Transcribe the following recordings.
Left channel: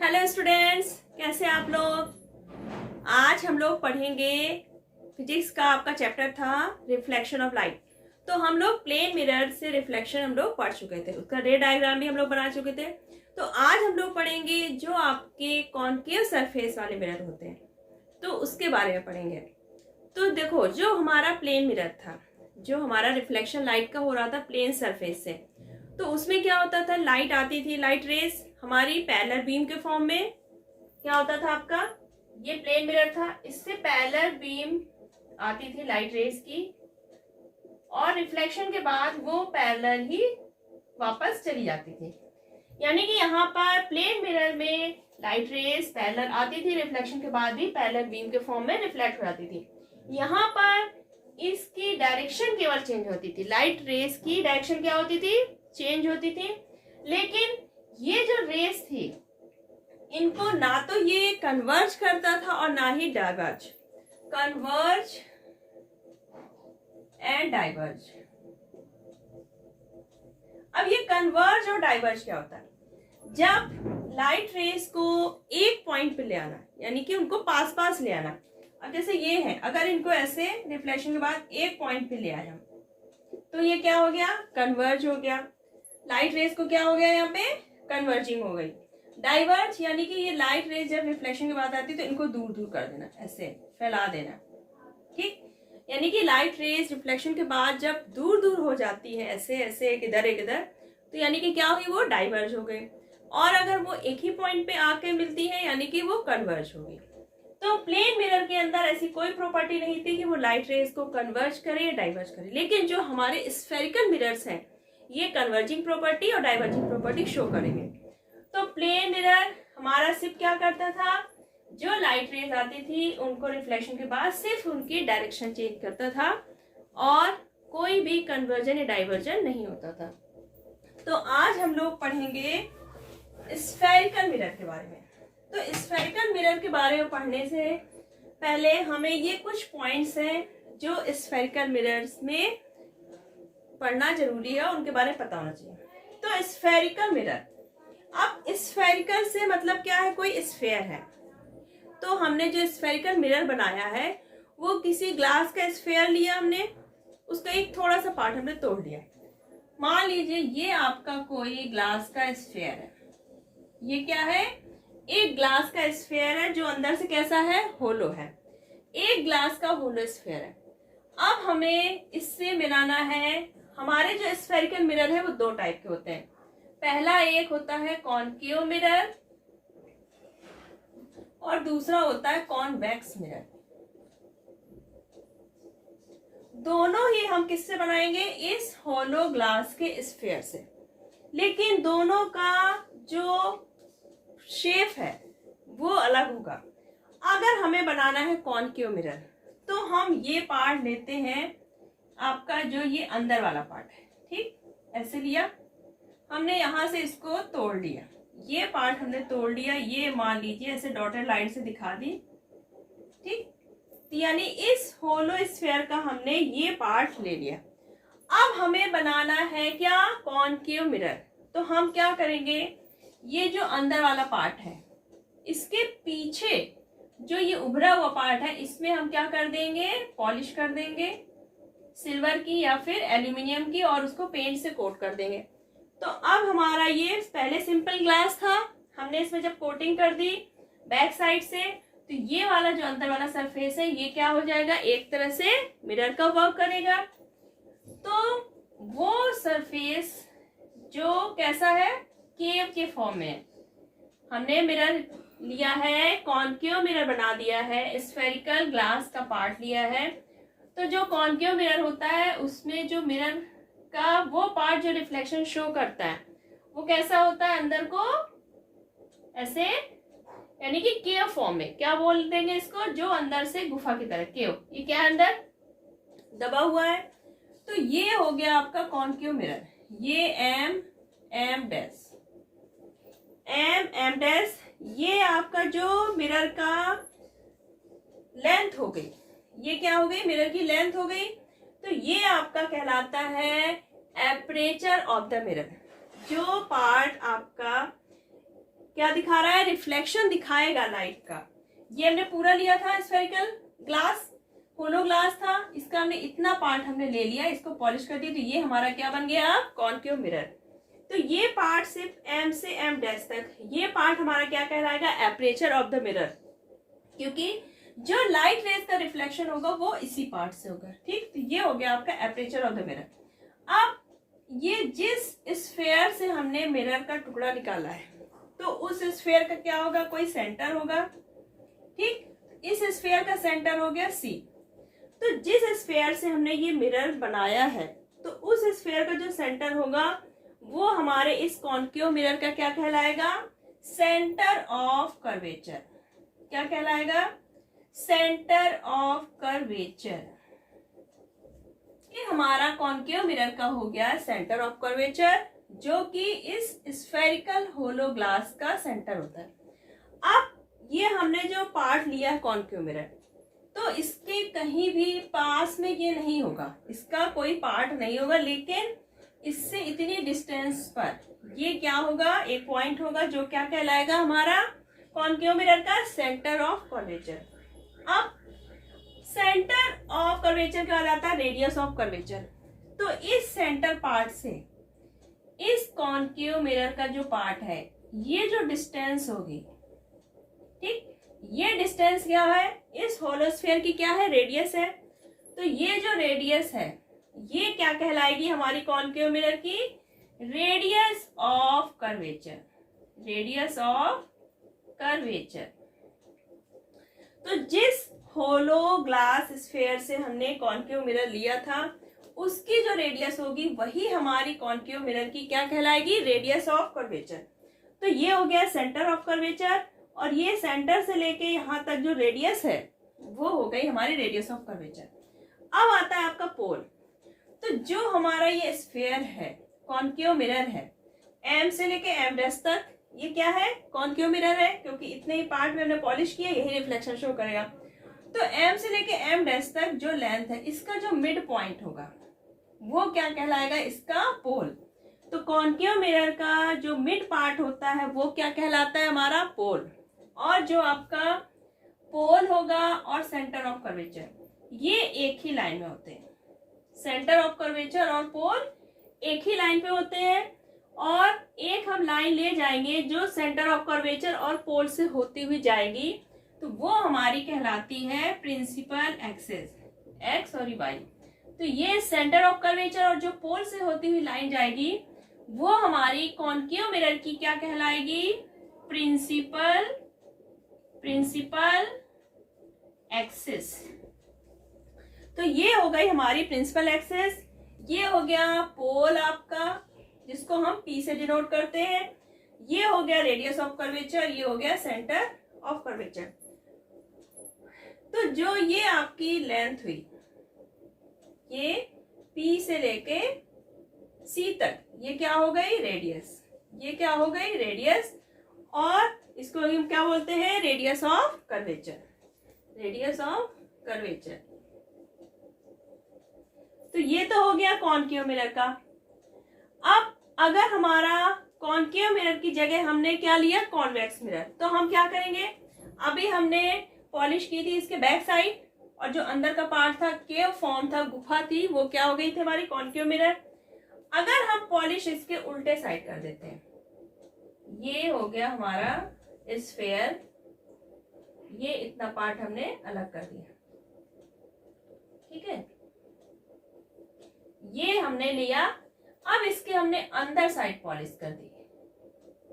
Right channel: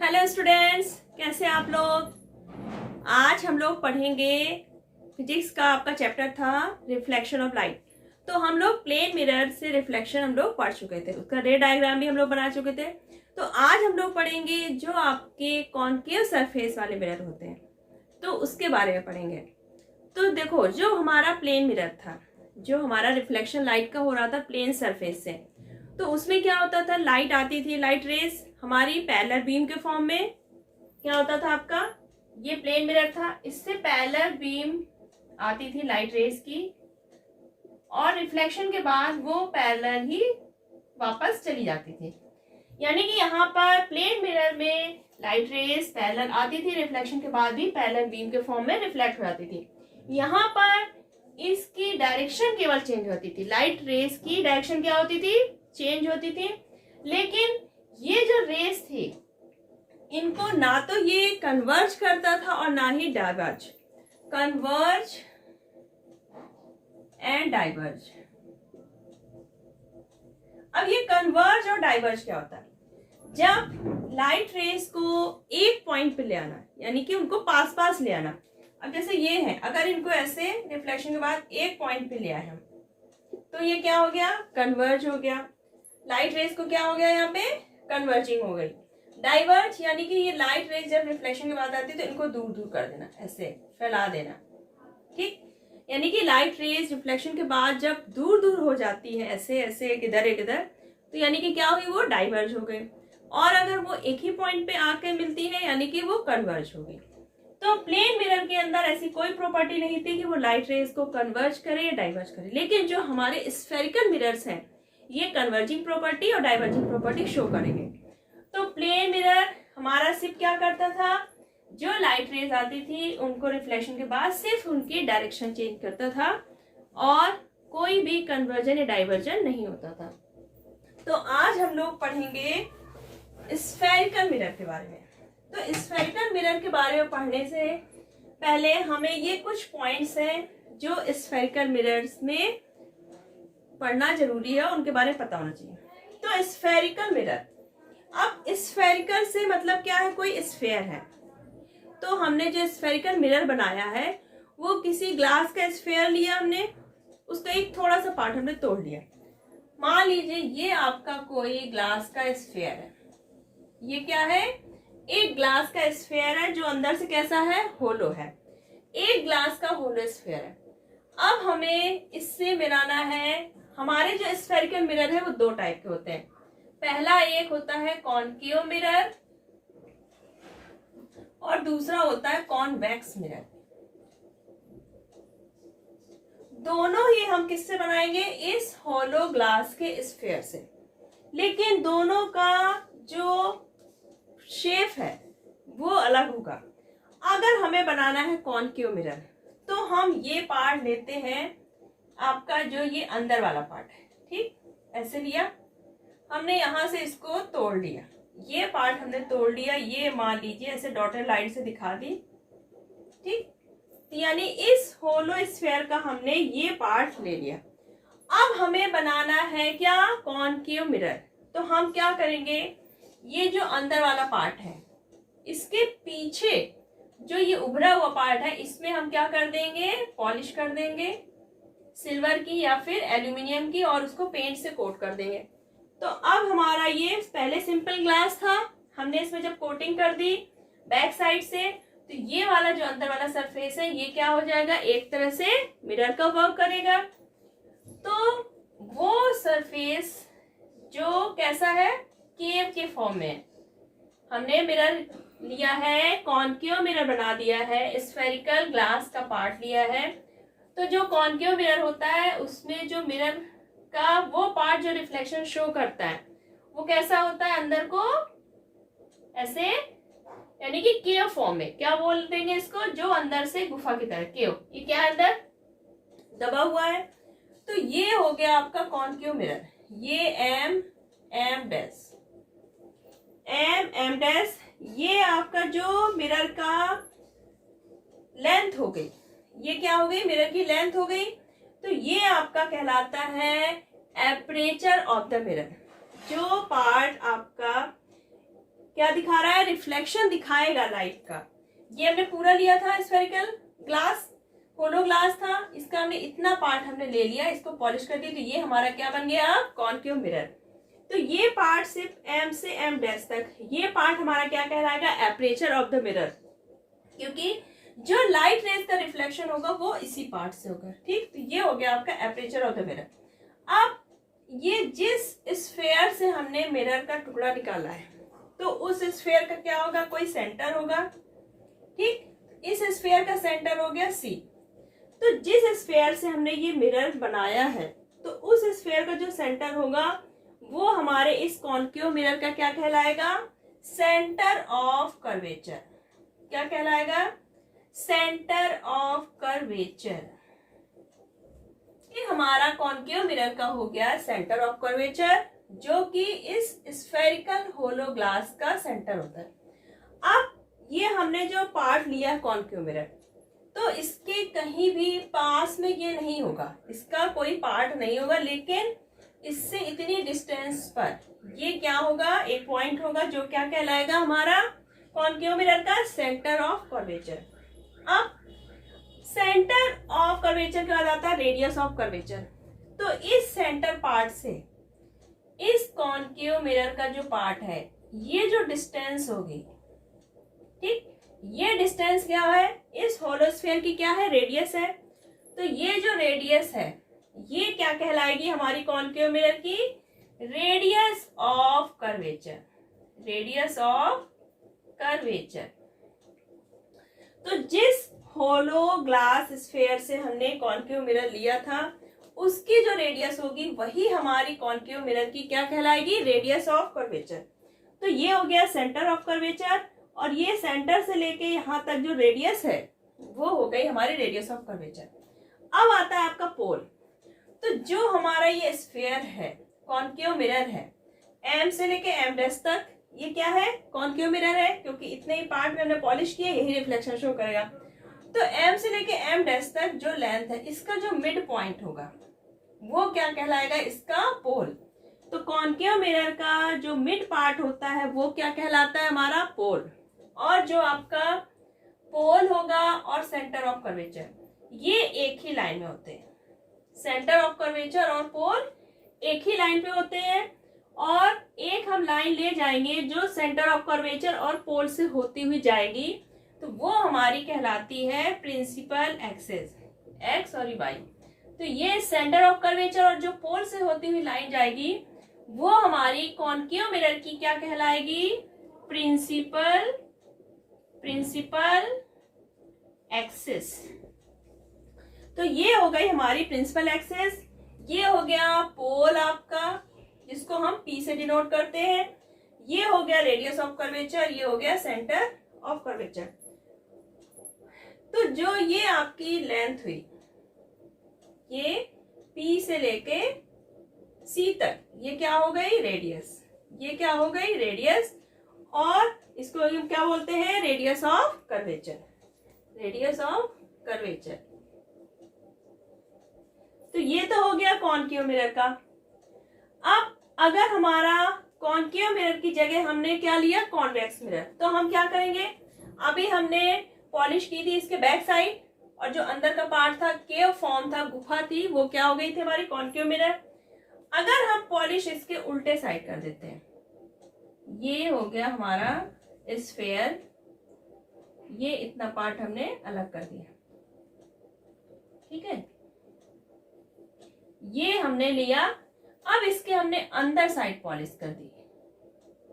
Hello students, कैसे आप लोग। आज हम लोग पढ़ेंगे फिजिक्स का आपका चैप्टर था रिफ्लेक्शन ऑफ लाइट। तो हम लोग प्लेन मिरर से रिफ्लेक्शन हम लोग पढ़ चुके थे, उसका रे डायग्राम भी हम लोग बना चुके थे। तो आज हम लोग पढ़ेंगे जो आपके कॉनकेव सरफेस वाले मिरर होते हैं, तो उसके बारे में पढ़ेंगे। तो देखो, जो हमारा प्लेन मिरर था, जो हमारा रिफ्लेक्शन लाइट का हो रहा था प्लेन सरफेस से, तो उसमें क्या होता था, लाइट आती थी, लाइट रेस हमारी पैरेलल बीम के फॉर्म में क्या होता था आपका, ये प्लेन मिरर था, इससे पैरेलल बीम आती थी लाइट रेस की, और रिफ्लेक्शन के बाद वो पैरेलल ही वापस चली जाती थी। यानी कि यहाँ पर प्लेन मिरर में लाइट रेस पैरेलल आती थी, रिफ्लेक्शन के बाद भी पैरेलल बीम के फॉर्म में रिफ्लेक्ट हो जाती थी। यहाँ पर इसकी डायरेक्शन केवल चेंज होती थी, लाइट रेस की डायरेक्शन क्या होती थी, चेंज होती थी। लेकिन ये जो रेस थी, इनको ना तो ये कन्वर्ज करता था और ना ही डाइवर्ज। Converge and diverge. अब ये कन्वर्ज और डाइवर्ज क्या होता है, जब लाइट रेस को एक पॉइंट पे ले आना, यानी कि उनको पास पास ले आना। अब जैसे ये है, अगर इनको ऐसे रिफ्लेक्शन के बाद एक पॉइंट पे ले आए हम, तो ये क्या हो गया, कन्वर्ज हो गया। लाइट रेस को क्या हो गया, यहाँ पे कन्वर्जिंग हो गई। डाइवर्ज यानी कि ये लाइट रेस जब रिफ्लेक्शन के बाद आती है तो इनको दूर दूर कर देना, ऐसे फैला देना, ठीक। यानी कि लाइट रेस रिफ्लेक्शन के बाद जब दूर दूर हो जाती है, ऐसे ऐसे एक इधर, तो यानी कि क्या हुई, वो डाइवर्ज हो गई। और अगर वो एक ही पॉइंट पे आके मिलती है, यानी कि वो कन्वर्ज हो गई। तो प्लेन मिरर के अंदर ऐसी कोई प्रॉपर्टी नहीं थी कि वो लाइट रेस को कन्वर्ज करे या डाइवर्ज करे। लेकिन जो हमारे स्फेरिकल मिरर्स हैं, ये कन्वर्जिंग प्रॉपर्टी और डाइवर्जिंग प्रॉपर्टी शो करेंगे। तो प्लेन मिरर हमारा सिर्फ क्या करता था, जो लाइट रेज आती थी उनको रिफ्लेक्शन के बाद सिर्फ उनकी डायरेक्शन चेंज करता था, और कोई भी कन्वर्जन या डाइवर्जन नहीं होता था। तो आज हम लोग पढ़ेंगे स्फेरिकल मिरर के बारे में। तो स्फेरिकल मिरर के बारे में पढ़ने से पहले हमें ये कुछ पॉइंट्स हैं जो स्फेरिकल मिरर्स में पढ़ना जरूरी है, उनके बारे में पता होना चाहिए। तो स्फेरिकल मिरर, अब स्फेरिकल से मतलब क्या है, कोई स्फेयर है। तो हमने जो स्फेरिकल मिरर बनाया है वो किसी ग्लास का स्फेयर लिया हमने, उसका एक थोड़ा सा पार्ट हमने तोड़ लिया। मान लीजिए ये आपका कोई ग्लास का स्फेयर है, ये क्या है, एक ग्लास का स्फेयर है जो अंदर से कैसा है, होलो है। एक ग्लास का होलो स्फेयर है। अब हमें इससे मिलाना है, हमारे जो स्फेरिकल मिरर है वो दो टाइप के होते हैं। पहला एक होता है कॉनकेव मिरर और दूसरा होता है कॉन्वेक्स मिरर। दोनों ही हम किससे बनाएंगे, इस होलो ग्लास के स्फेयर से। लेकिन दोनों का जो शेप है वो अलग होगा। अगर हमें बनाना है कॉनकेव मिरर, तो हम ये पार्ट लेते हैं, आपका जो ये अंदर वाला पार्ट है, ठीक, ऐसे लिया हमने, यहां से इसको तोड़ लिया, ये पार्ट हमने तोड़ लिया, ये मान लीजिए ऐसे डॉटेड लाइन से दिखा दी, ठीक। यानी इस होलो स्फेयर का हमने ये पार्ट ले लिया। अब हमें बनाना है क्या, कॉनकेव मिरर। तो हम क्या करेंगे, ये जो अंदर वाला पार्ट है, इसके पीछे जो ये उभरा हुआ पार्ट है, इसमें हम क्या कर देंगे, पॉलिश कर देंगे सिल्वर की या फिर एल्यूमिनियम की, और उसको पेंट से कोट कर देंगे। तो अब हमारा ये पहले सिंपल ग्लास था, हमने इसमें जब कोटिंग कर दी बैक साइड से, तो ये वाला जो अंदर वाला सरफेस है ये क्या हो जाएगा, एक तरह से मिरर का वर्क करेगा। तो वो सरफेस जो कैसा है, केव के फॉर्म में हमने मिरर लिया है, कॉनकेव मिरर बना दिया है, स्फेरिकल ग्लास का पार्ट लिया है। तो जो कॉनकेव मिरर होता है उसमें जो मिरर का वो पार्ट जो रिफ्लेक्शन शो करता है वो कैसा होता है, अंदर को ऐसे, यानी कि केव फॉर्म में, क्या बोल देंगे इसको, जो अंदर से गुफा की तरह केव, ये क्या है, अंदर दबा हुआ है। तो ये हो गया आपका कॉनकेव मिरर। ये एम डैश, एम डैश, ये आपका जो मिरर का लेंथ हो गई, ये क्या हो गई, मिरर की लेंथ हो गई। तो ये आपका कहलाता है एपरेचर ऑफ द मिरर। जो पार्ट आपका क्या दिखा रहा है, रिफ्लेक्शन दिखाएगा लाइट का। ये हमने पूरा लिया था स्फेरिकल ग्लास, होलो ग्लास था, इसका हमने इतना पार्ट हमने ले लिया, इसको पॉलिश कर दी, तो ये हमारा क्या बन गया, कॉन्केव मिरर। तो ये पार्ट सिर्फ एम से एम डैश तक, ये पार्ट हमारा क्या कहलाएगा, एपरेचर ऑफ द मिरर, क्योंकि जो लाइट रेज का रिफ्लेक्शन होगा वो इसी पार्ट से होगा। ठीक, तो ये हो गया आपका एपरेचर ऑफ द मिरर। अब ये जिस स्फेयर से हमने मिरर का टुकड़ा निकाला है, तो उस स्फेयर का क्या होगा, कोई सेंटर होगा। ठीक, इस स्फेयर का सेंटर हो गया सी। तो जिस स्फेयर से हमने ये मिरर बनाया है, तो उस स्फेयर का जो सेंटर होगा वो हमारे इस कॉन्केव मिरर का क्या कहलाएगा, सेंटर ऑफ कर्वेचर। क्या कहलाएगा, सेंटर ऑफ कर्वेचर। ये हमारा कॉन्केव मिरर का हो गया सेंटर ऑफ कर्वेचर, जो कि इस स्फेरिकल होलो ग्लास का सेंटर होता है। अब ये हमने जो पार्ट लिया है कॉन्केव मिरर, तो इसके कहीं भी पास में ये नहीं होगा, इसका कोई पार्ट नहीं होगा, लेकिन इससे इतनी डिस्टेंस पर ये क्या होगा, एक पॉइंट होगा जो क्या कहलाएगा हमारा कॉन्केव मिरर का सेंटर ऑफ कर्वेचर। अब सेंटर ऑफ कर्वेचर क्या आता है, रेडियस ऑफ कर्वेचर। तो इस सेंटर पार्ट से इस कॉन्केव मिरर का जो पार्ट है, ये जो डिस्टेंस होगी, ठीक, ये डिस्टेंस क्या है, इस होलोस्फीयर की क्या है, रेडियस है। तो ये जो रेडियस है ये क्या कहलाएगी हमारी कॉन्केव मिरर की, radius of curvature, radius of curvature. तो जिस होलो ग्लास स्फेयर से हमने कॉन्केव मिरर लिया था, उसकी जो रेडियस होगी वही हमारी कॉन्केव मिरर की क्या कहलाएगी, रेडियस ऑफ कर्वेचर। तो ये हो गया सेंटर ऑफ कर्वेचर, और ये सेंटर से लेके यहाँ तक जो रेडियस है वो हो गई हमारी रेडियस ऑफ कर्वेचर। अब आता है आपका पोल। तो जो हमारा ये स्फेयर है, कॉन्केव मिरर है, एम से लेके एम डैश तक, ये क्या है, कॉन्केव मिरर है, क्योंकि इतने ही पार्ट में हमने पॉलिश किया, यही रिफ्लेक्शन शो करेगा। तो एम से लेके एम डैश तक जो लेंथ है, इसका जो मिड पॉइंट होगा वो क्या कहलाएगा, इसका पोल। तो कॉन्केव मिरर का जो मिड पार्ट होता है वो क्या कहलाता है, हमारा पोल। और जो आपका पोल होगा और सेंटर ऑफ कर्वेचर, ये एक ही लाइन में होते हैं। सेंटर ऑफ कर्वेचर और पोल एक ही लाइन पे होते हैं, और एक हम लाइन ले जाएंगे जो सेंटर ऑफ कर्वेचर और पोल से होती हुई जाएगी, तो वो हमारी कहलाती है प्रिंसिपल एक्सिस, एक्स और वाई। तो ये सेंटर ऑफ कर्वेचर और जो पोल से होती हुई लाइन जाएगी वो हमारी कॉन्केव मिरर की क्या कहलाएगी, प्रिंसिपल एक्सिस। तो ये हो गई हमारी प्रिंसिपल एक्सिस। ये हो गया पोल आपका, जिसको हम पी से डिनोट करते हैं। ये हो गया रेडियस ऑफ कर्वेचर, ये हो गया सेंटर ऑफ कर्वेचर। तो जो ये आपकी लेंथ हुई, ये पी से लेके सी तक, ये क्या हो गई, रेडियस। ये क्या हो गई, रेडियस, और इसको हम क्या बोलते हैं, radius of curvature, radius of curvature. तो ये तो हो गया कॉन्केव मिरर का। अब अगर हमारा कॉन्केव मिरर की जगह हमने क्या लिया, कॉन्वेक्स मिरर, तो हम क्या करेंगे, अभी हमने पॉलिश की थी इसके बैक साइड, और जो अंदर का पार्ट था, केव फॉर्म था, गुफा थी, वो क्या हो गई थी हमारी कॉन्केव मिरर। अगर हम पॉलिश इसके उल्टे साइड कर देते हैं, ये हो गया हमारा स्फेयर, ये इतना पार्ट हमने अलग कर दिया, ठीक है, ये हमने लिया। अब इसके हमने अंदर साइड पॉलिश कर दी,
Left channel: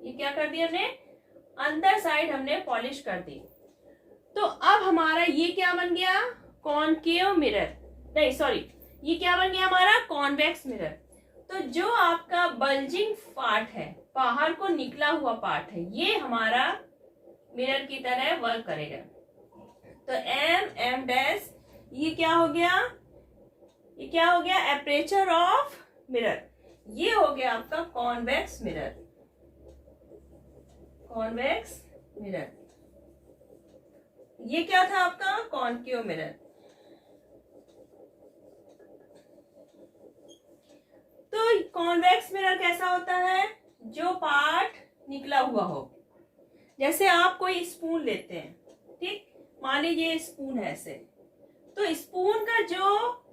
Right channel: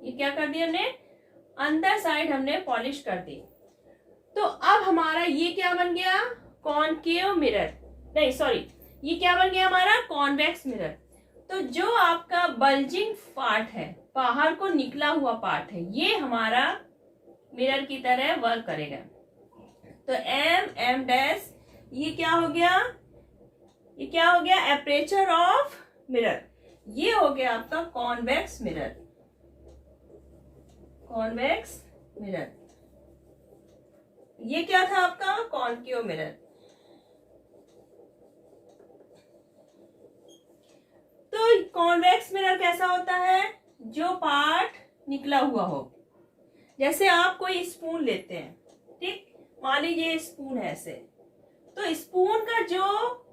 ये क्या कर दिया हमने, अंदर साइड हमने पॉलिश कर दी। तो अब हमारा ये क्या बन गया, कॉन्केव मिरर, नहीं सॉरी, ये क्या बन गया हमारा, कॉन्वेक्स मिरर। तो जो आपका बल्जिंग पार्ट है, बाहर को निकला हुआ पार्ट है, ये हमारा मिरर की तरह वर्क करेगा। तो एम एम डैश, ये क्या हो गया, ये क्या हो गया, एपरेचर ऑफ मिरर। ये हो गया आपका कॉन्वेक्स मिरर, कॉन्वेक्स मिरर। ये क्या था आपका, कॉन्केव मिरर। तो कॉन्वेक्स मिरर कैसा होता है, जो पार्ट निकला हुआ हो, जैसे आप कोई स्पून लेते हैं, ठीक, मान लीजिए स्पून है ऐसे, तो स्पून का जो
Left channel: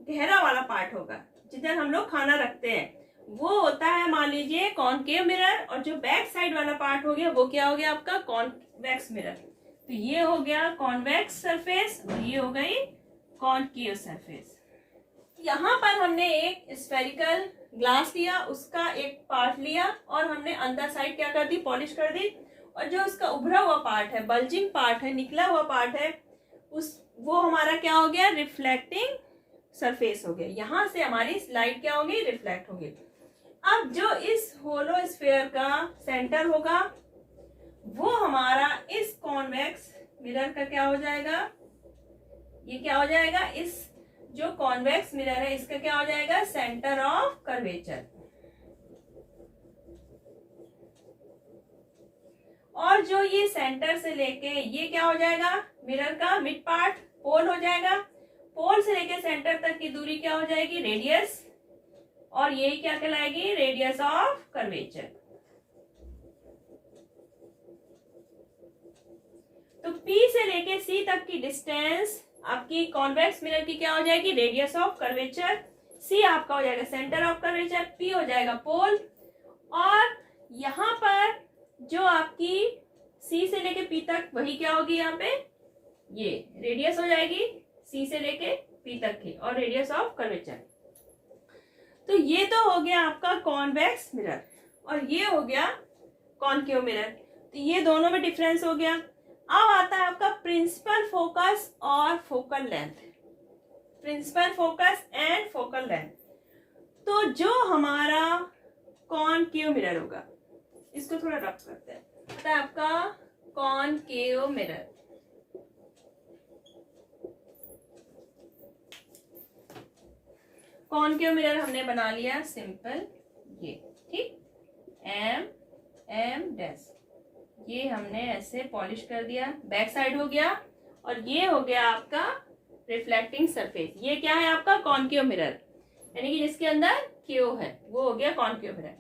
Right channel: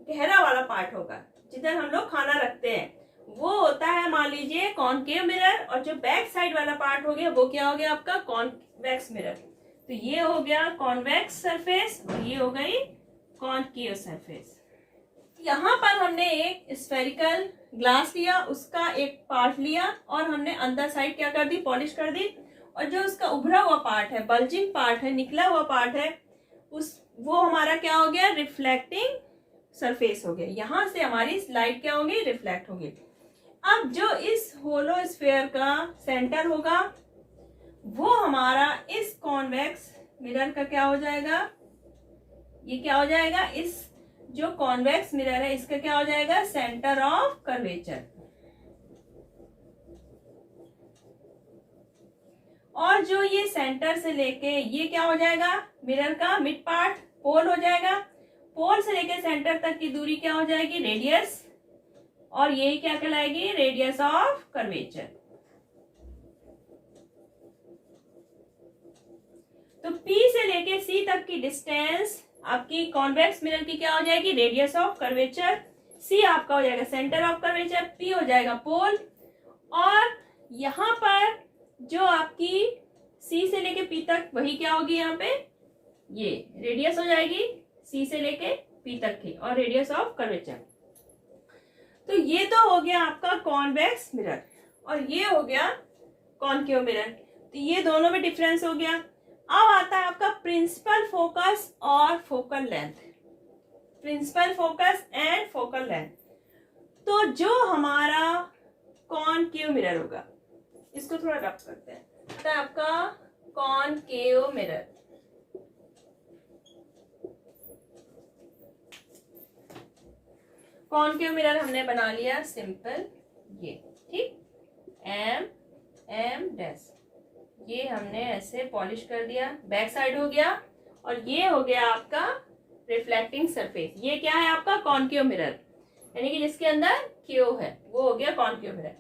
गहरा वाला पार्ट होगा जिधर हम लोग खाना रखते हैं वो होता है मान लीजिए कॉनकेव मिरर, और जो बैक साइड वाला पार्ट हो गया वो क्या हो गया आपका कॉन्वेक्स मिरर। तो ये हो गया कॉन्वेक्स सरफेस और ये हो गई कॉनकेव सरफेस। यहाँ पर हमने एक स्फेरिकल ग्लास लिया, उसका एक पार्ट लिया और हमने अंदर साइड क्या कर दी, पॉलिश कर दी, और जो उसका उभरा हुआ पार्ट है, बल्जिंग पार्ट है, निकला हुआ पार्ट है, वो हमारा क्या हो गया, रिफ्लेक्टिंग सरफेस हो गया। यहां से हमारी लाइट क्या होगी, रिफ्लेक्ट होगी। अब जो इस होलो स्फीयर का सेंटर होगा वो हमारा इस कॉन्वेक्स मिरर का क्या हो जाएगा, ये क्या हो जाएगा, इस जो कॉन्वेक्स मिरर है इसका क्या हो जाएगा, सेंटर ऑफ कर्वेचर। और जो ये सेंटर से लेके ये क्या हो जाएगा, मिरर का मिड पार्ट पोल हो जाएगा। पोल से लेके सेंटर तक की दूरी क्या हो जाएगी, रेडियस, और ये क्या कहलाएगी, रेडियस ऑफ कर्वेचर। तो P से लेके C तक की डिस्टेंस आपकी कॉन्वेक्स मिरर की क्या हो जाएगी, रेडियस ऑफ कर्वेचर। C आपका हो जाएगा सेंटर ऑफ कर्वेचर, P हो जाएगा पोल, और यहां पर जो आपकी C से लेके P तक वही क्या होगी, यहाँ पे ये रेडियस हो जाएगी C से लेके P तक की, और रेडियस ऑफ कर्वेचर। तो ये तो हो गया आपका कॉन्वेक्स मिरर, और ये हो गया कॉनकेव मिरर। तो ये दोनों में डिफरेंस हो गया। अब आता है आपका प्रिंसिपल फोकस और focal length. Principal focus and focal length. तो जो हमारा कॉनकेव मिरर होगा, इसको थोड़ा रब करते हैं, तो आपका कॉनकेव मिरर, कॉनकेव मिरर हमने बना लिया सिंपल, ये ठीक, एम डैश, ये हमने ऐसे पॉलिश कर दिया, बैक साइड हो गया, और ये हो गया आपका रिफ्लेक्टिंग सरफेस। ये क्या है आपका कॉनकेव मिरर, यानी कि जिसके अंदर क्यू है वो हो गया कॉनकेव मिरर।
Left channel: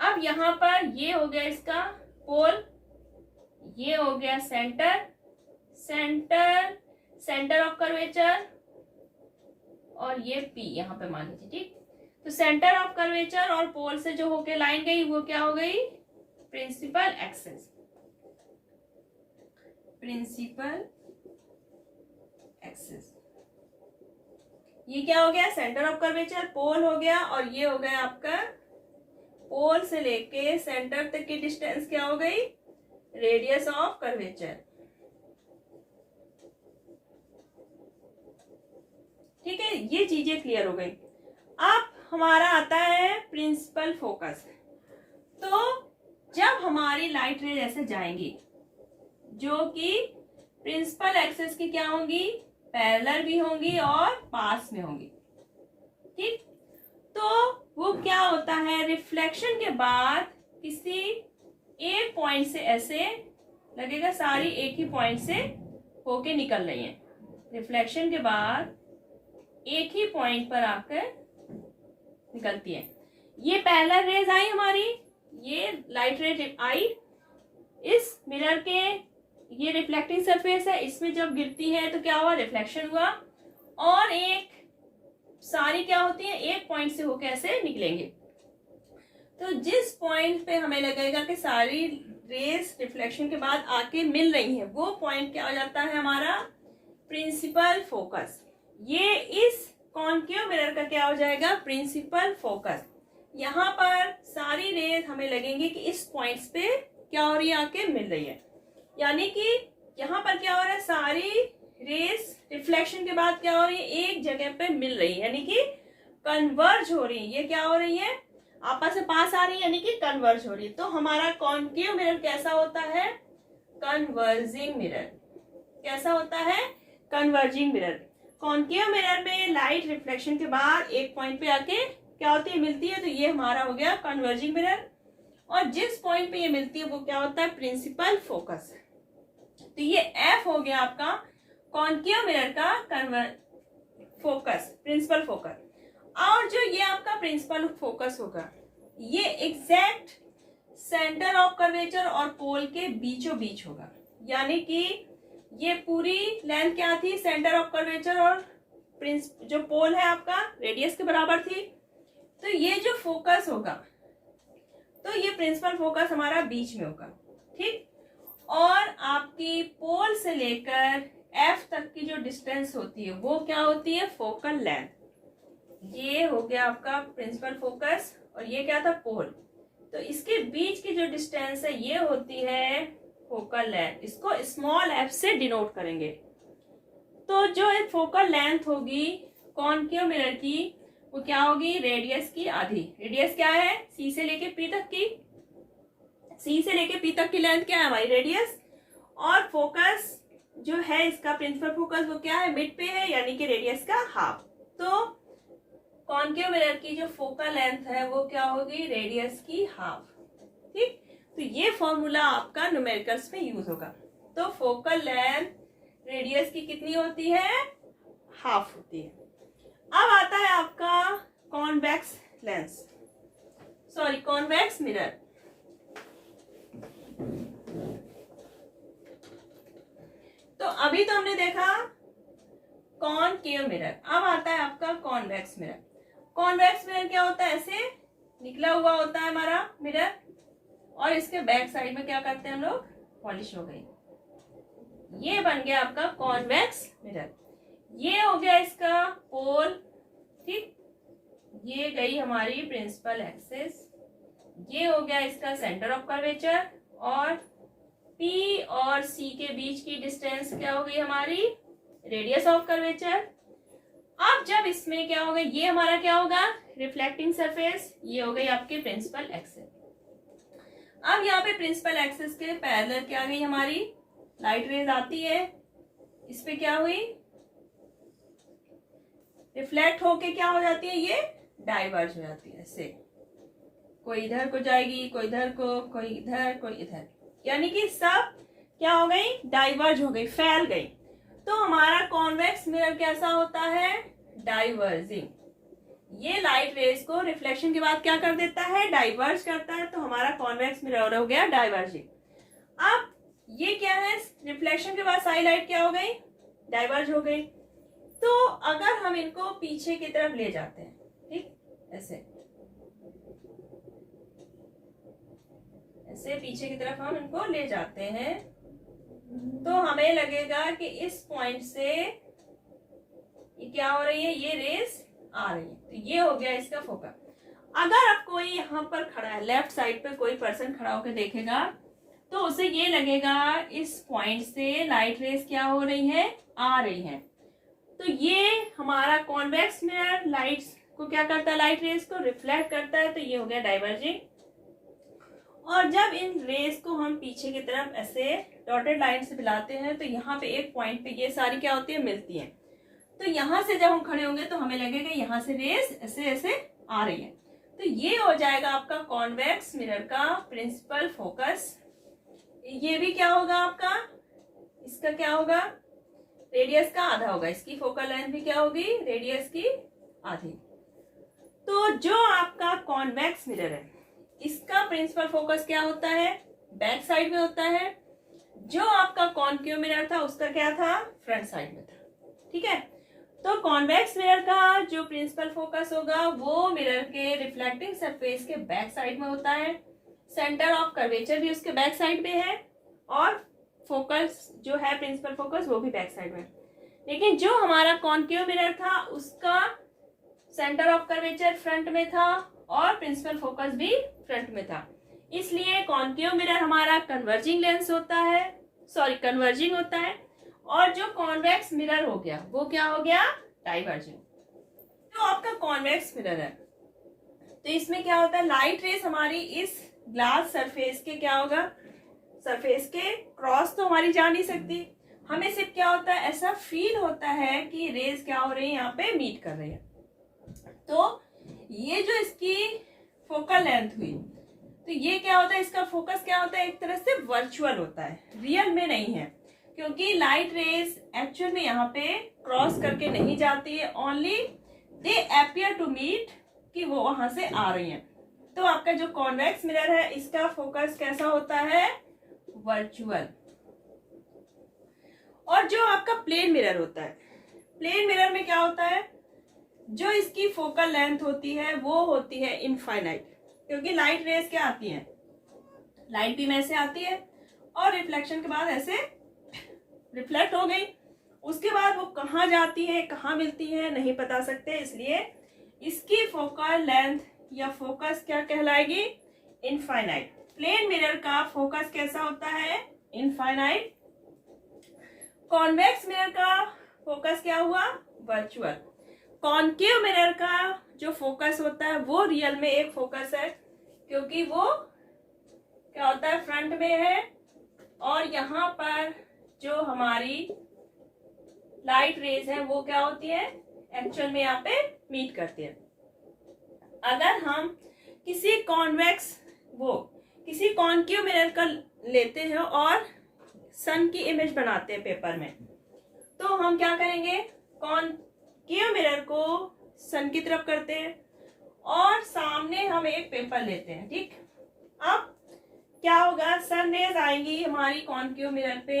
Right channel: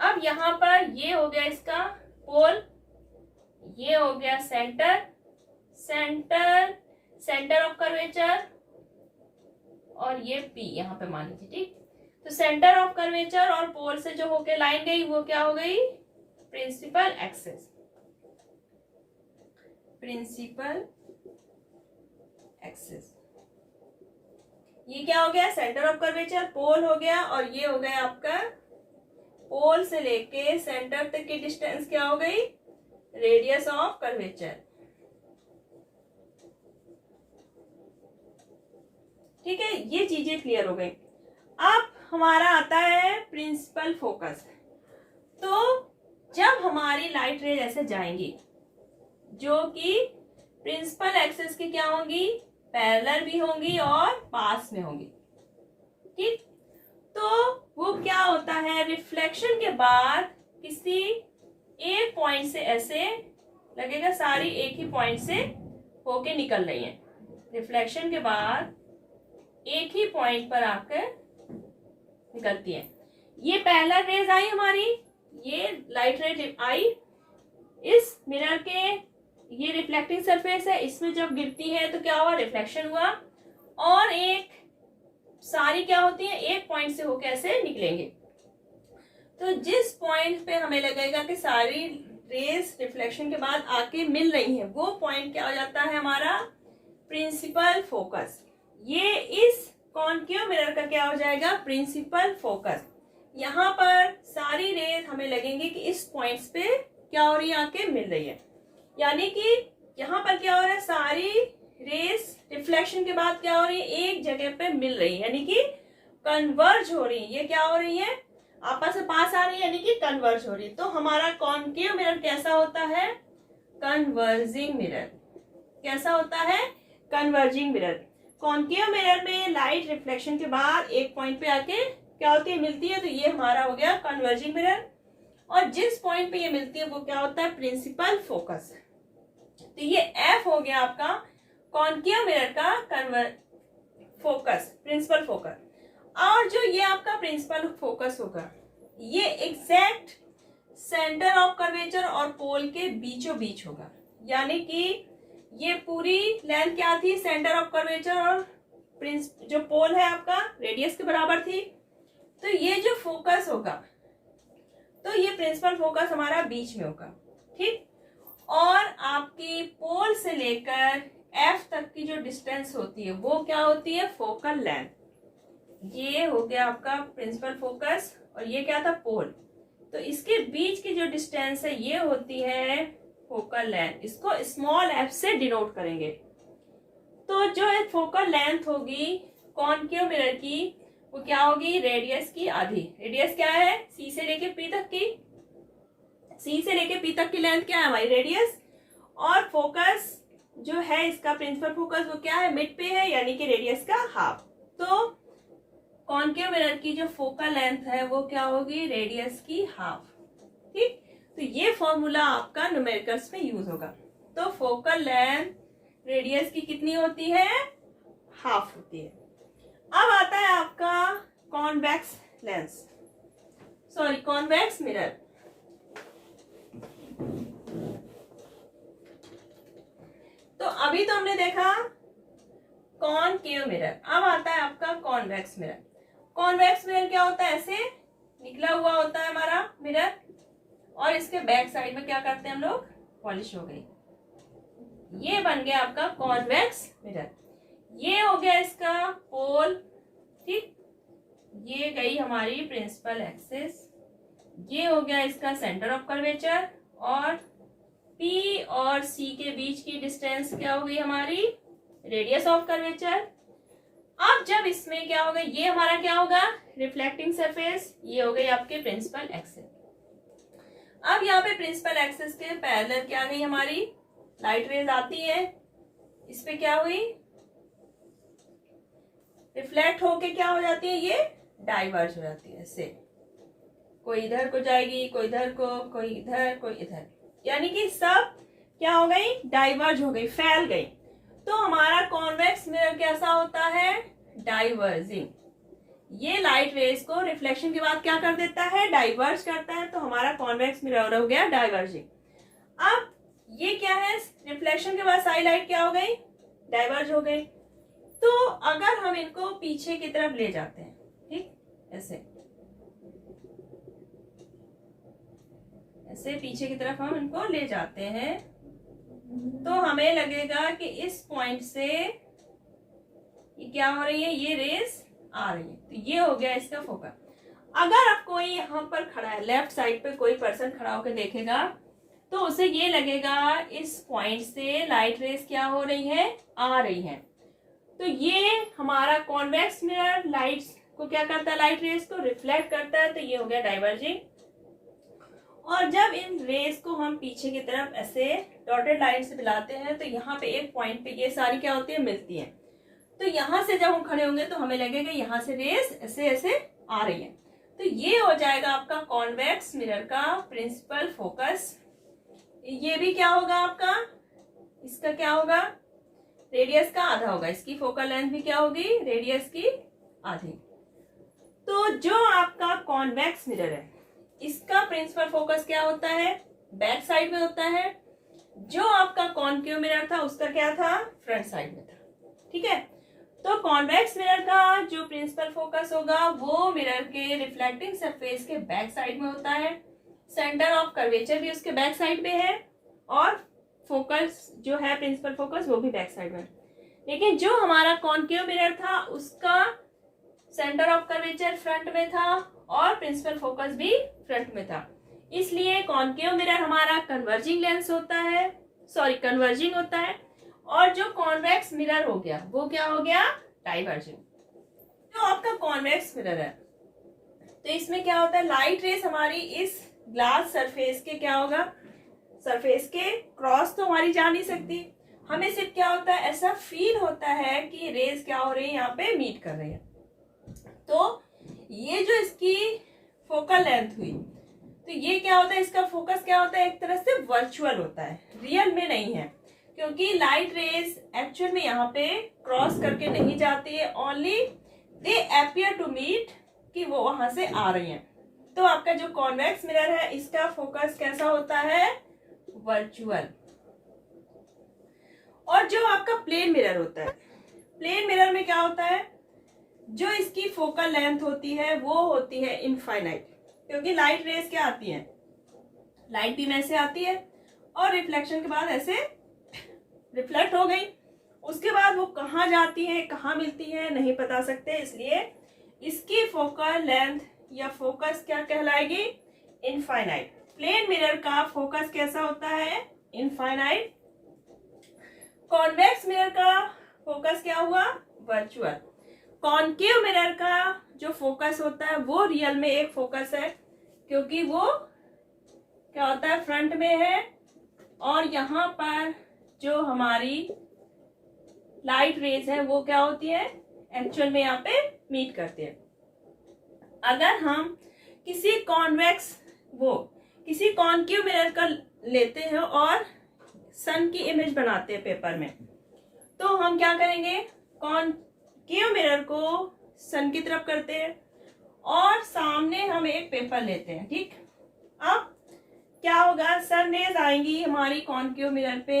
अब यहाँ पर ये हो गया इसका पोल, ये हो गया सेंटर ऑफ कर्वेचर, और ये P यहाँ पे मान लीजिए, ठीक। तो सेंटर ऑफ कर्वेचर और पोल से जो होके लाइन गई वो क्या हो गई, प्रिंसिपल एक्सिस। प्रिंसिपल एक्सिस, ये क्या हो गया, सेंटर ऑफ कर्वेचर, पोल हो गया, और ये हो गया आपका पोल से लेके सेंटर तक की डिस्टेंस क्या हो गई, रेडियस ऑफ कर्वेचर। ठीक है, ये चीजें क्लियर हो गई। अब हमारा आता है प्रिंसिपल फोकस। तो जब हमारी लाइट रेज ऐसे जाएंगी जो कि प्रिंसिपल एक्सिस की क्या होंगी, पैरेलल भी होंगी और पास में होंगी, ठीक। तो वो क्या होता है, रिफ्लेक्शन के बाद किसी एक पॉइंट से ऐसे लगेगा सारी एक ही पॉइंट से होके निकल रही है। रिफ्लेक्शन के बाद एक ही पॉइंट पर आकर निकलती है। ये पैरेलल रेज आई हमारी, ये लाइट रेज आई इस मिरर के, ये रिफ्लेक्टिंग सरफेस है, इसमें जब गिरती है तो क्या हुआ, रिफ्लेक्शन हुआ, और एक सारी क्या होती है, एक पॉइंट से होकर ऐसे निकलेंगे। तो जिस पॉइंट पे हमें लगेगा कि सारी रेज रिफ्लेक्शन के बाद आके मिल रही है, वो पॉइंट क्या हो जाता है हमारा प्रिंसिपल फोकस। ये इस कॉनकेव मिरर का क्या हो जाएगा, प्रिंसिपल फोकस। यहाँ पर सारी रेज हमें लगेंगी कि इस पॉइंट्स पे क्या हो रही है, आके मिल रही है, यानी कि यहाँ पर क्या हो रहा है, सारी रेज रिफ्लेक्शन के बाद क्या हो रही है, एक जगह पे मिल रही है, यानी कि कन्वर्ज हो रही है। ये क्या हो रही है, आपस में पास आ रही है, यानी कि कन्वर्ज हो रही है। तो हमारा कॉनकेव मिरर कैसा होता है, कन्वर्जिंग मिरर। कैसा होता है, कन्वर्जिंग मिरर। कॉनकेव मिरर में लाइट रिफ्लेक्शन के बाद एक पॉइंट पे आके क्या होती है, मिलती है, तो ये हमारा हो गया कन्वर्जिंग मिरर। और जिस पॉइंट पे ये मिलती है वो क्या होता है, प्रिंसिपल फोकस। तो ये F हो गया आपका कॉनकेव मिरर का फोकस, प्रिंसिपल फोकस। और जो ये आपका प्रिंसिपल फोकस होगा, ये एग्जैक्ट सेंटर ऑफ कर्वेचर और पोल के बीचों बीच होगा। यानी कि ये पूरी लेंथ क्या थी, सेंटर ऑफ कर्वेचर और जो पोल है आपका रेडियस के बराबर थी। तो ये जो फोकस होगा, तो ये प्रिंसिपल फोकस हमारा बीच में होगा, ठीक। और आपकी पोल से लेकर एफ तक की जो डिस्टेंस होती है वो क्या होती है, फोकल लेंथ। ये हो गया आपका प्रिंसिपल फोकस और ये क्या था, पोल। तो इसके बीच की जो डिस्टेंस है ये होती है फोकल लेंथ। इसको स्मॉल एफ से डिनोट करेंगे। तो जो एक फोकल लेंथ होगी कॉनकेव मिरर की, वो क्या होगी, रेडियस की आधी। रेडियस क्या है, सी से लेके पी तक की, सी से लेके पी तक की लेंथ क्या है हमारी, रेडियस। और फोकस जो है इसका प्रिंसिपल फोकस वो क्या है, मिड पे है, यानी कि रेडियस का हाफ। तो कॉनकेव मिरर की जो फोकल लेंथ है वो क्या होगी, रेडियस की हाफ, ठीक। तो ये फॉर्मूला आपका न्यूमेरिकल्स में यूज होगा। तो फोकल लेंथ रेडियस की कितनी होती है, हाफ होती है। अब आता है आपका convex lens, sorry convex mirror. तो अभी तो हमने देखा कॉनकेव मिरर, अब आता है आपका कॉन्वेक्स मिरर। कॉन्वेक्स मिरर क्या होता है, ऐसे निकला हुआ होता है हमारा मिरर और इसके बैक साइड में क्या करते हैं हम लोग, पॉलिश हो गई। ये बन गया आपका कॉन्वेक्स मिरर। ये हो गया इसका पोल, ठीक। ये गई हमारी प्रिंसिपल एक्सिस। ये हो गया इसका सेंटर ऑफ कर्वेचर और पी और सी के बीच की डिस्टेंस क्या हो गई हमारी, रेडियस ऑफ कर्वेचर। अब जब इसमें क्या होगा, ये हमारा क्या होगा, रिफ्लेक्टिंग सरफेस। ये हो गई आपकी प्रिंसिपल एक्सिस। अब यहाँ पे प्रिंसिपल एक्सिस के पैरेलल क्या गई हमारी लाइट रेज आती है, इस पे क्या हुई, रिफ्लेक्ट होके क्या हो जाती है, ये डाइवर्ज हो जाती है। इससे कोई इधर को जाएगी, कोई इधर को, कोई इधर, कोई इधर, यानी कि सब क्या हो गई, डाइवर्ज हो गई, फैल गई। तो हमारा कॉन्वेक्स मिरर कैसा होता है, डाइवर्जिंग। ये लाइट रेज को रिफ्लेक्शन के बाद क्या कर देता है, डाइवर्ज करता है। तो हमारा कॉन्वेक्स मिरर हो गया डाइवर्जिंग। अब ये क्या है, रिफ्लेक्शन के बाद सारी लाइट क्या हो गई, डाइवर्ज हो गई। तो अगर हम इनको पीछे की तरफ ले जाते हैं, ठीक, ऐसे ऐसे पीछे की तरफ हम इनको ले जाते हैं, तो हमें लगेगा कि इस पॉइंट से ये क्या हो रही है, ये रेज आ रही है। तो ये हो गया इसका फोकस। अगर अब कोई यहाँ पर खड़ा है, लेफ्ट साइड पे कोई पर्सन खड़ा होकर देखेगा, तो उसे ये लगेगा इस पॉइंट से लाइट रेज क्या हो रही है, आ रही है। तो ये हमारा कॉन्वेक्स मिरर लाइट्स को क्या करता है, लाइट रेज को रिफ्लेक्ट करता है। तो ये हो गया डाइवर्जिंग। और जब इन रेज को हम पीछे की तरफ ऐसे डॉटेड लाइन से मिलाते हैं, तो यहाँ पे एक पॉइंट पे ये सारी क्या होती है, मिलती है। तो यहाँ से जब हम खड़े होंगे तो हमें लगेगा यहाँ से रेज ऐसे ऐसे आ रही है। तो ये हो जाएगा आपका कॉन्वेक्स मिरर का प्रिंसिपल फोकस। ये भी क्या होगा आपका, इसका क्या होगा, रेडियस का आधा होगा। इसकी फोकल लेंथ भी क्या होगी, रेडियस की आधी। तो जो आपका कॉन्वेक्स मिरर है, इसका प्रिंसिपल फोकस क्या होता है, बैक साइड में होता है। जो आपका कॉनकेव मिरर था उसका क्या था, फ्रंट साइड में था, ठीक है। तो कॉन्वेक्स मिरर का जो प्रिंसिपल फोकस होगा वो मिरर के रिफ्लेक्टिंग सरफेस के बैक साइड में होता है। सेंटर ऑफ कर्वेचर भी उसके बैक साइड में है और फोकस जो है प्रिंसिपल फोकस वो भी बैक साइड में। लेकिन जो हमारा कॉनकेव मिरर था उसका सेंटर ऑफ कर्वेचर फ्रंट में था और प्रिंसिपल फोकस भी फ्रंट में था। इसलिए कॉनकेव मिरर हमारा कन्वर्जिंग लेंस होता है, सॉरी कन्वर्जिंग होता है। और जो कॉन्वेक्स मिरर हो गया वो क्या हो गया, डाइवर्जिंग। जो आपका कॉन्वेक्स मिरर है तो इसमें क्या होता है, लाइट रेस हमारी इस ग्लास सरफेस के क्या होगा, सरफेस के क्रॉस तो हमारी जा नहीं सकती। हमें सिर्फ क्या होता है, ऐसा फील होता है कि रेज क्या हो रही है, यहाँ पे मीट कर रही है। तो ये जो इसकी फोकल लेंथ हुई, तो ये क्या होता है, इसका फोकस क्या होता है, एक तरह से वर्चुअल होता है, रियल में नहीं है। क्योंकि लाइट रेज एक्चुअल में यहाँ पे क्रॉस करके नहीं जाती है, only they appear to meet, कि वो वहां से आ रही हैं। तो आपका जो कॉन्वेक्स मिरर है इसका फोकस कैसा होता है, वर्चुअल। और जो आपका प्लेन मिरर होता है, प्लेन मिरर में क्या होता है, जो इसकी फोकल लेंथ होती है वो होती है इनफाइनाइट, क्योंकि लाइट रेस क्या आती है, लाइट बीम ऐसे आती है और रिफ्लेक्शन के बाद ऐसे रिफ्लेक्ट हो गई, उसके बाद वो कहाँ जाती है कहाँ मिलती है नहीं बता सकते, इसलिए इसकी फोकल लेंथ या फोकस क्या कहलाएगी, इनफाइनाइट। प्लेन मिरर का फोकस कैसा होता है, इनफाइनाइट। कॉन्वेक्स मिरर का फोकस क्या हुआ, वर्चुअल। कॉनकेव मिरर का जो फोकस होता है वो रियल में एक फोकस है, क्योंकि वो क्या होता है, फ्रंट में है और यहाँ पर जो हमारी लाइट रेज है वो क्या होती है, एक्चुअल में यहाँ पे मीट करती है। अगर हम किसी कॉनकेव मिरर का लेते हैं और सन की इमेज बनाते हैं पेपर में, तो हम क्या करेंगे, कॉनकेव मिरर को सन की तरफ करते हैं और सामने हम एक पेपर लेते हैं, ठीक। अब क्या होगा, सन रेज आएंगी हमारी कॉनकेव मिरर पे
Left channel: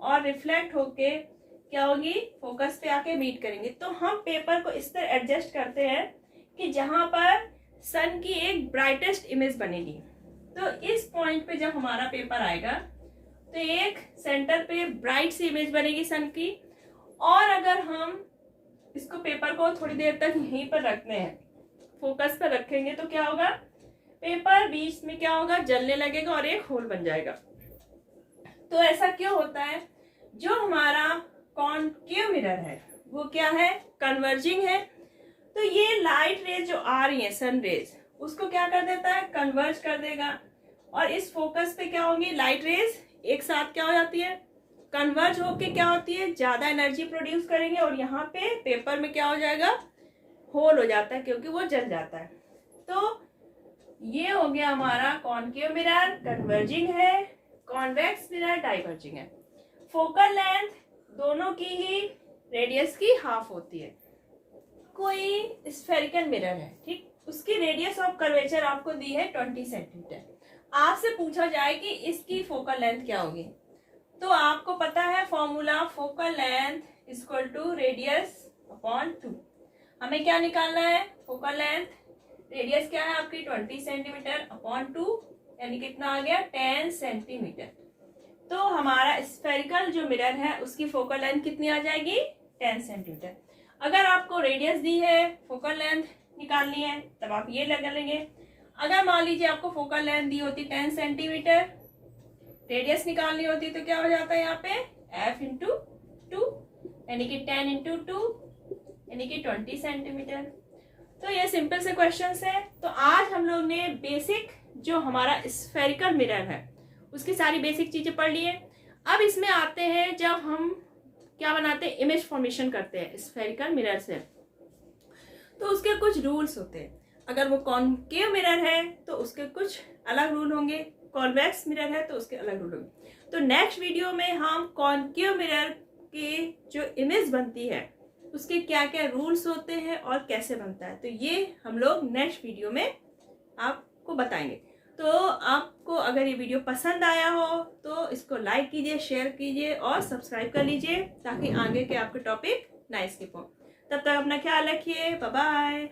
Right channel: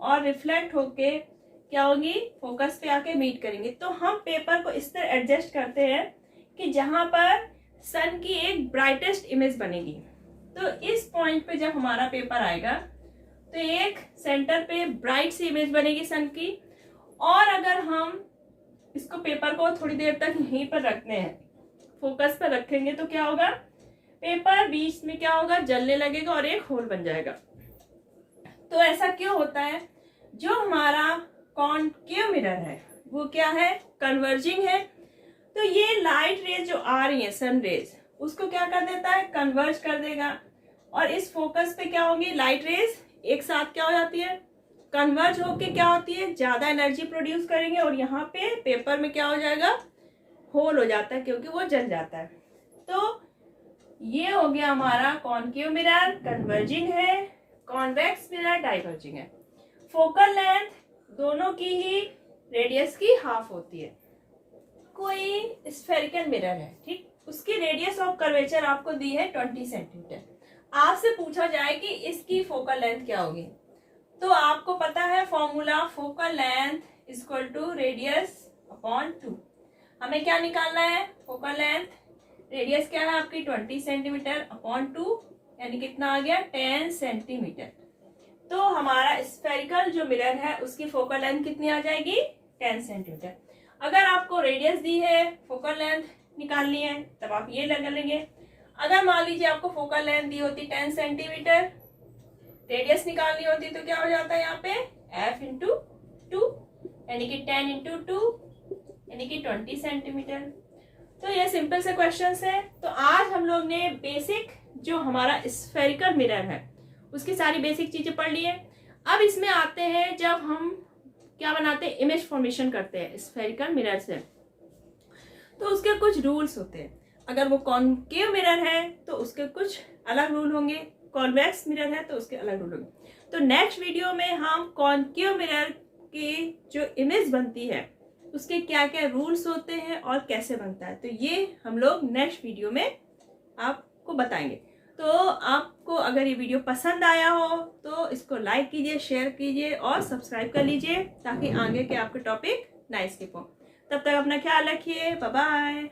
और रिफ्लेक्ट होके क्या होगी, फोकस पे आके मीट करेंगे। तो हम पेपर को इस तरह एडजस्ट करते हैं कि जहां पर सन की एक ब्राइटेस्ट इमेज बनेगी। तो इस पॉइंट पे जब हमारा पेपर आएगा तो एक सेंटर पे ब्राइट सी इमेज बनेगी सन की, और अगर हम इसको पेपर को थोड़ी देर तक यहीं पर रखते हैं, फोकस पर रखेंगे, तो क्या होगा, पेपर बीच में क्या होगा, जलने लगेगा और एक होल बन जाएगा। तो ऐसा क्यों होता है, जो हमारा कॉनकेव मिरर है वो क्या है, कन्वर्जिंग है। तो ये लाइट रेज जो आ रही है, सन रेज, उसको क्या कर देता है, कन्वर्ज कर देगा, और इस फोकस पे क्या होंगी, लाइट रेज एक साथ क्या हो जाती है, कन्वर्ज होके क्या होती है, ज्यादा एनर्जी प्रोड्यूस करेंगे और यहाँ पे पेपर में क्या हो जाएगा, होल हो जाता है, क्योंकि वो जल जाता है। तो ये हो गया हमारा कॉनकेव मिरर कन्वर्जिंग है, कॉन्वेक्स मिरर डाइवर्जिंग है। फोकल लेंथ दोनों की ही रेडियस की हाफ होती है। कोई स्फेरिकल मिरर है, ठीक, उसकी रेडियस ऑफ कर्वेचर आपको दी है 20 सेंटीमीटर। आपसे पूछा जाए कि इसकी फोकल लेंथ क्या होगी, तो आपको पता है formula, focal length equal to radius upon 2। हमें क्या निकालना है, फोकल लेंथ, रेडियस क्या है आपकी 20 सेंटीमीटर अपॉन 2, यानी कितना आ गया, 10 सेंटीमीटर। तो हमारा स्फेरिकल जो मिरर है उसकी फोकल लेंथ कितनी आ जाएगी, 10 सेंटीमीटर। अगर आपको रेडियस दी है, फोकल लेंथ निकालनी है, तब आप ये लगा लेंगे। अगर मान लीजिए आपको फोकल लेंथ दी होती 10 सेंटीमीटर, रेडियस निकालनी होती, तो क्या हो जाता है यहाँ पे f इंटू 2, यानी कि 10 इंटू 2 यानी कि 20 सेंटीमीटर। तो ये सिंपल से क्वेश्चंस है। तो आज हम लोग ने बेसिक जो हमारा स्फेरिकल मिरर है उसकी सारी बेसिक चीजें पढ़ ली है। अब इसमें आते हैं जब हम क्या बनाते हैं, इमेज फॉर्मेशन करते हैं स्फेरिकल मिरर से, तो उसके कुछ रूल्स होते हैं। अगर वो कॉनकेव मिरर है तो उसके कुछ अलग रूल होंगे, कॉन्वेक्स मिरर है तो उसके अलग रूल होंगे। तो नेक्स्ट वीडियो में हम कॉनकेव मिरर की जो इमेज बनती है उसके क्या क्या रूल्स होते हैं और कैसे बनता है, तो ये हम लोग नेक्स्ट वीडियो में आपको बताएंगे। तो आपको अगर ये वीडियो पसंद आया हो तो इसको लाइक कीजिए, शेयर कीजिए और सब्सक्राइब कर लीजिए, ताकि आगे के आपके टॉपिक ना स्किप हो। तब तक अपना ख्याल रखिए, बाय बाय।